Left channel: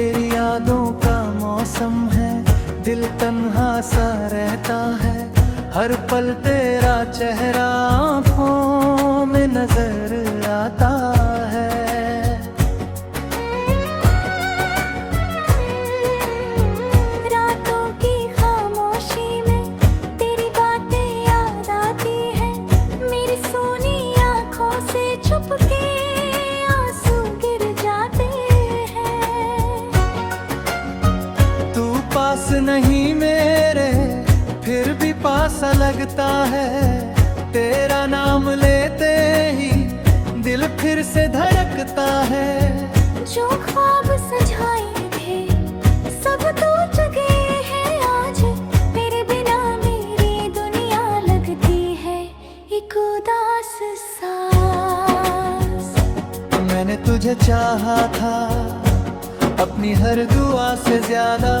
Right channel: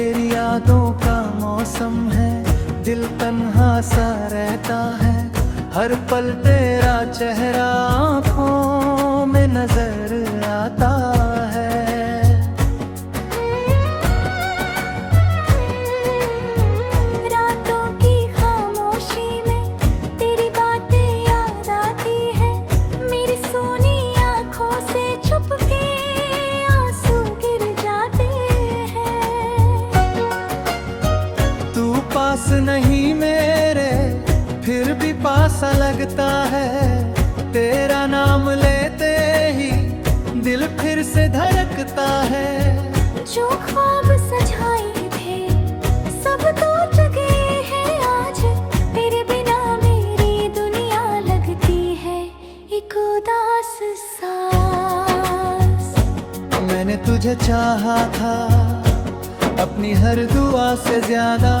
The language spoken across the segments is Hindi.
तेरी यादों का मौसम है, दिल तन्हा सा रहता है। हर पल तेरा चेहरा आँखों में नजर आता है। रातों की खामोशी में तेरी बातें याद आती है। मेरी सोनी आँखों से छुप के आंसू गिर जाते हैं। तू पास नहीं मेरे, फिर भी पासा लगता है। तेरा नाम लेते ही दिल फिर से धड़कता है। जो ख्वाब सजाए थे सब टूट गए हैं आज। तेरे बिना मेरी दुनिया लगती है एक उदास सांस। मैंने तुझे चाहा था अपनी हर दुआ से ज्यादा,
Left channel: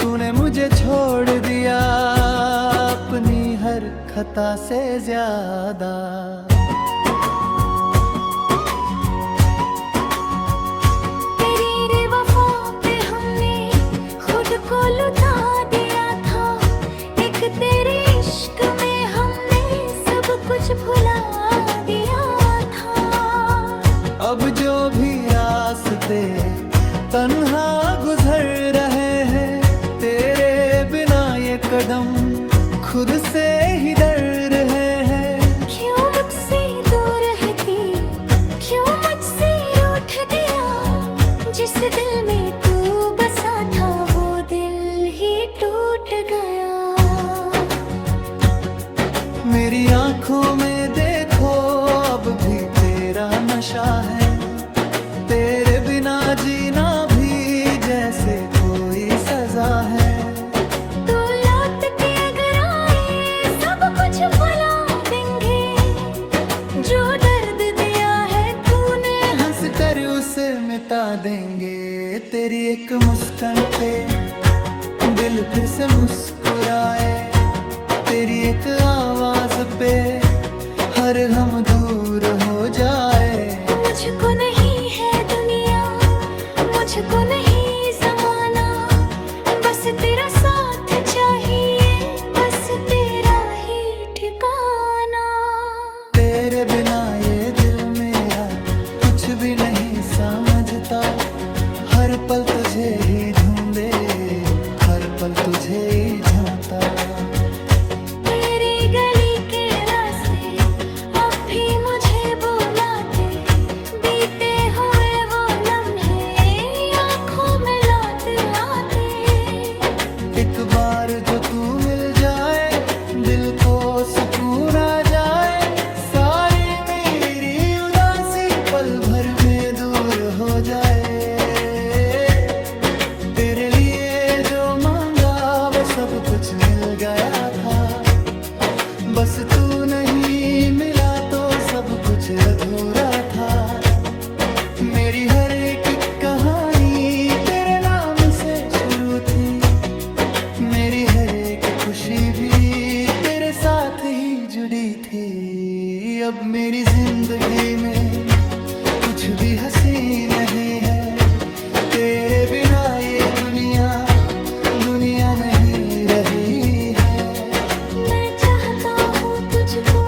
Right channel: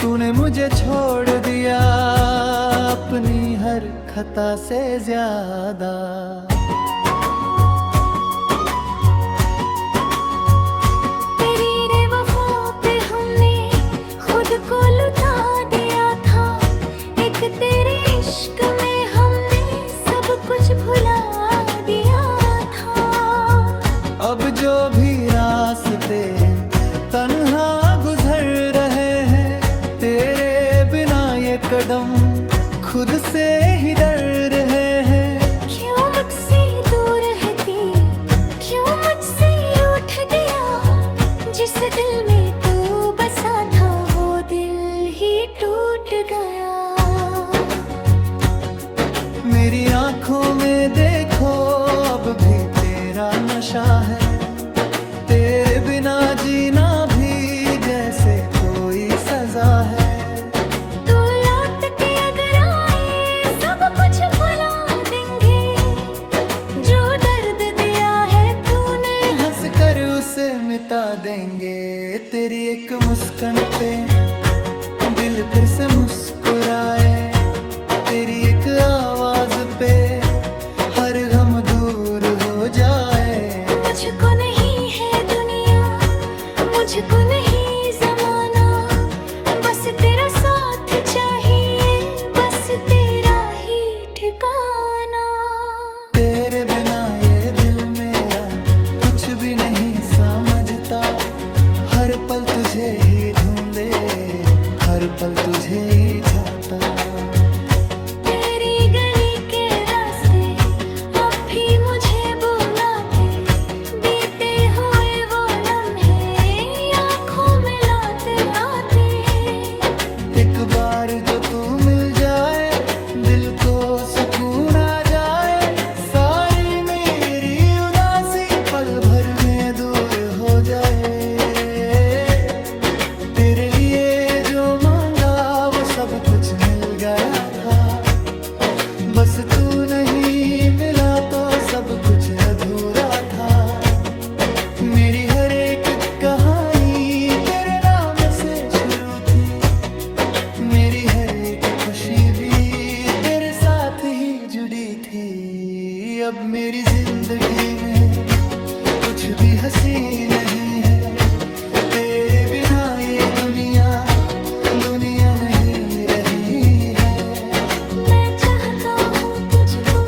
तूने मुझे छोड़ दिया अपनी हर खता से ज्यादा। तेरी बेवफा पे हमने खुद को लुटा दिया था। एक तेरे इश्क में हमने सब कुछ भुला दिया था। अब जो भी रास्ते तन्हा गुजर रहे हैं, तेरे बिना ये कदम खुद से ही डर रहे हैं। क्यों मुझसे दूर रहती, क्यों मुझसे रूठ गया। जिस दिल में तू बसा था वो दिल ही टूट गया। मेरी आंखों में देखो अब भी तेरा नशा है। तेरे बिना जीना भी जैसे कोई सजा है। तू लौट के अगर आए सब कुछ भुला देंगे। जो दर्द दिया है तूने हंस कर उसे मिटा देंगे। तेरी एक मुस्कान पे दिल फिर से मुस्कुराए। तेरी एक आवाज पे हर गम दूर हो जाए। मुझको नहीं है दुनिया, मुझको नहीं जमाना, बस तेरा साथ चाहिए, बस तेरा ही ठिकाना। तेरे बिना ये दिल मेरा कुछ भी नहीं समझता। हर पल तुझे ही ढूंढे, हर पल तुझे ही झांकता। तेरी गली के रास्ते अब भी मुझे बुलाते। बीते हुए वो लम्हे आँखों में लौट आते। एक बार जो तू मिल जाए, दिल को सुकून आ जाए। सारी मेरी उदासी पल भर में दूर हो जाए। तेरे लिए जो मांगा वो सब कुछ मिल गया था। बस तू नहीं मिला तो सब कुछ अधूरा था। मेरी हर एक कहानी तेरे नाम से शुरू थी। मेरी हर एक खुशी भी तेरे साथ ही जुड़ी थी। अब मेरी जिंदगी में कुछ भी हंसी नहीं है। तेरे बिना ये दुनिया दुनिया नहीं रही है। मैं चाहता हूँ तुझको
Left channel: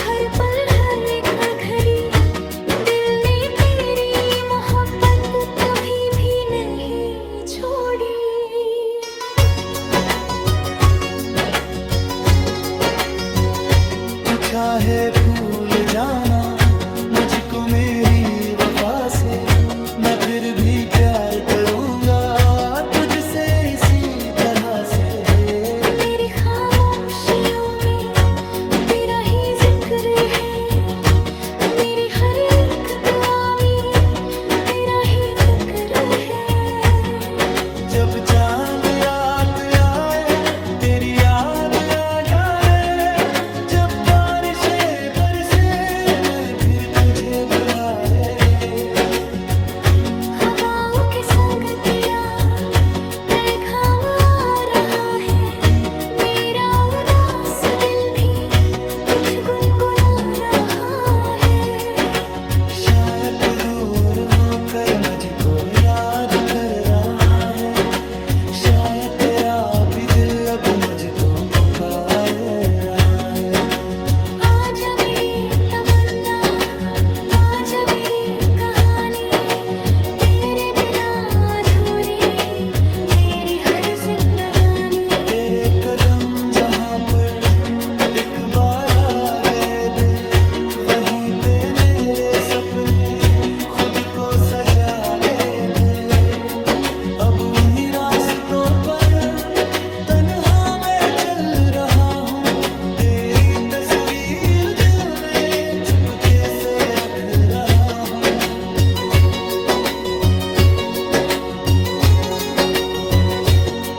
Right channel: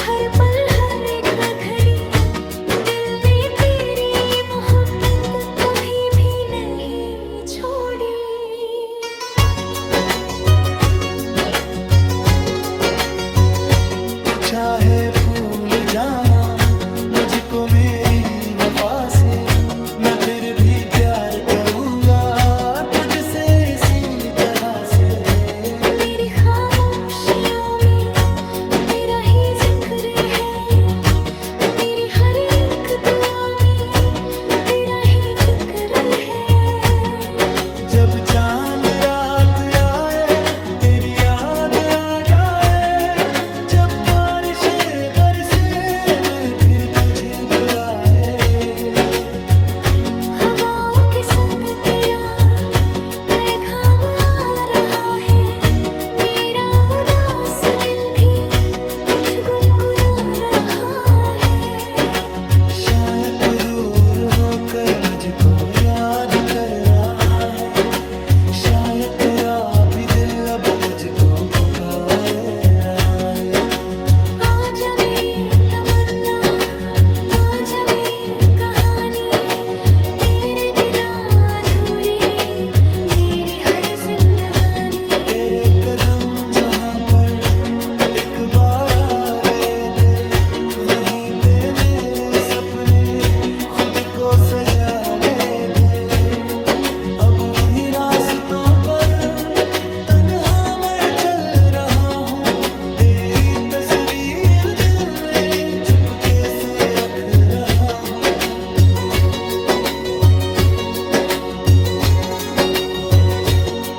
हर पल हर एक घड़ी। दिल ने तेरी मोहब्बत कभी भी नहीं छोड़ी। तू चाहे भूल जाना मुझको मेरी वफा से, मैं फिर भी प्यार करूँगा तुझसे इसी तरह से। मेरी खामोशियों में तेरा ही जिक्र है। मेरी हर एक दुआ में तेरा ही फिक्र है। जब चांद रात आए तेरी याद आ जाए। जब बारिशें बरसे मैं फिर तुझे बुलाए। हवाओं के संग तेरा पैगाम आ रहा है। मेरा उदास दिल भी कुछ गुनगुना रहा है। शायद तू दूर होकर मुझको याद कर रहा है, शायद तेरा भी दिल अब मुझको पुकार रहा है। आजा मेरी तमन्ना, आजा मेरी कहानी, तेरे बिना अधूरी मेरी हर जिंदगानी। तेरे कदम जहाँ पर एक बार आ गए थे, वहीं पे मेरे सपने खुद को सजा गए थे। अब उन्हीं रास्तों पर तन्हा मैं चल रहा हूँ, तेरी तस्वीर दिल में चुपके से रख रहा हूँ।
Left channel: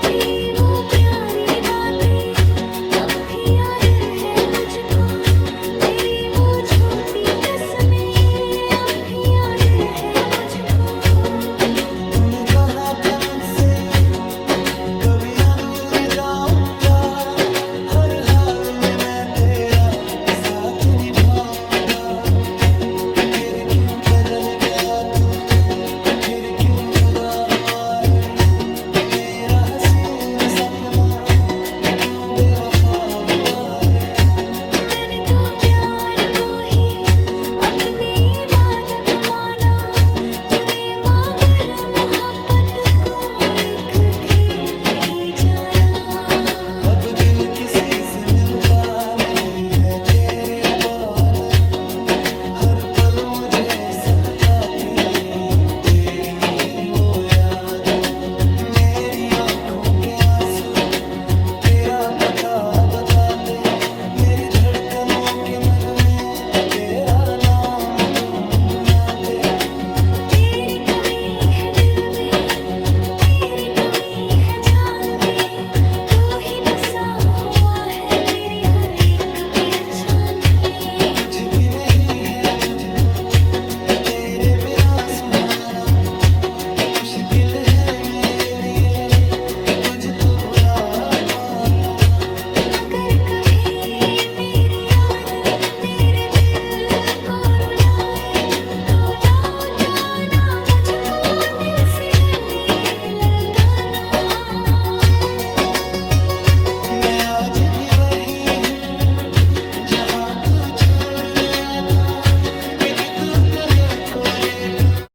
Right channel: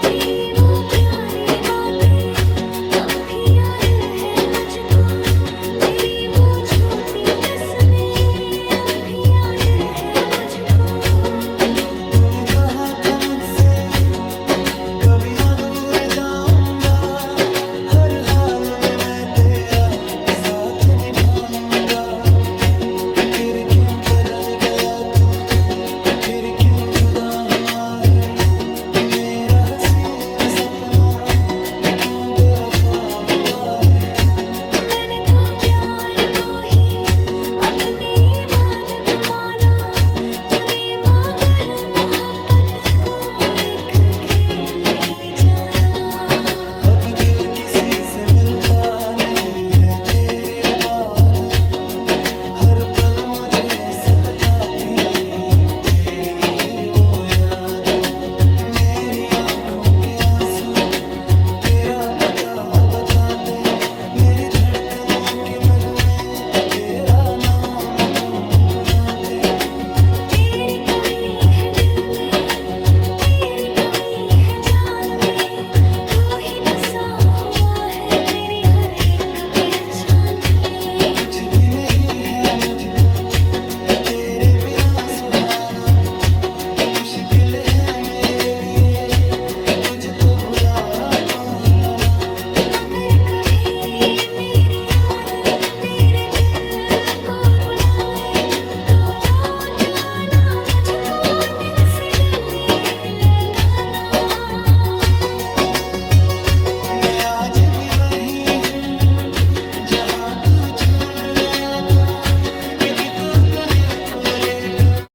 तेरी वो प्यारी बातें अब भी याद है मुझको, तेरी वो झूठी कसमें अब भी याद है मुझको। तूने कहा था मुझसे कभी ना दूर जाऊंगा, हर हाल में मैं तेरा साथ निभाऊंगा। फिर क्यों बदल गया तू, फिर क्यों जुदा हुआ है मेरा हसीन सपना, क्यों बेवफा हुआ है। मैंने तो प्यार को ही अपनी इबादत माना, तूने मगर मोहब्बत को एक खेल ही जाना। अब दिल किसी से मिलता नहीं है तेरे बाद, हर पल मुझे सताती तेरी ही वो याद। मेरी आंखों के आंसू तेरा पता बताते, मेरी धड़कनों के नगमे तेरा नाम गुनगुनाते। तेरी कमी है दिल में, तेरी कमी है जान में, तू ही बसा हुआ है मेरी हर एक पहचान में। कुछ भी नहीं है मुझको तेरे बिना सुहाना, मुश्किल है मेरे लिए तुझको भुला पाना। अगर कभी मेरी याद तेरे दिल को रुलाए, तो लौट आना मुझको दिल से गले लगाना। मैं आज भी वही हूँ जहाँ तू छोड़ गया था, एक तू तने को लेकर।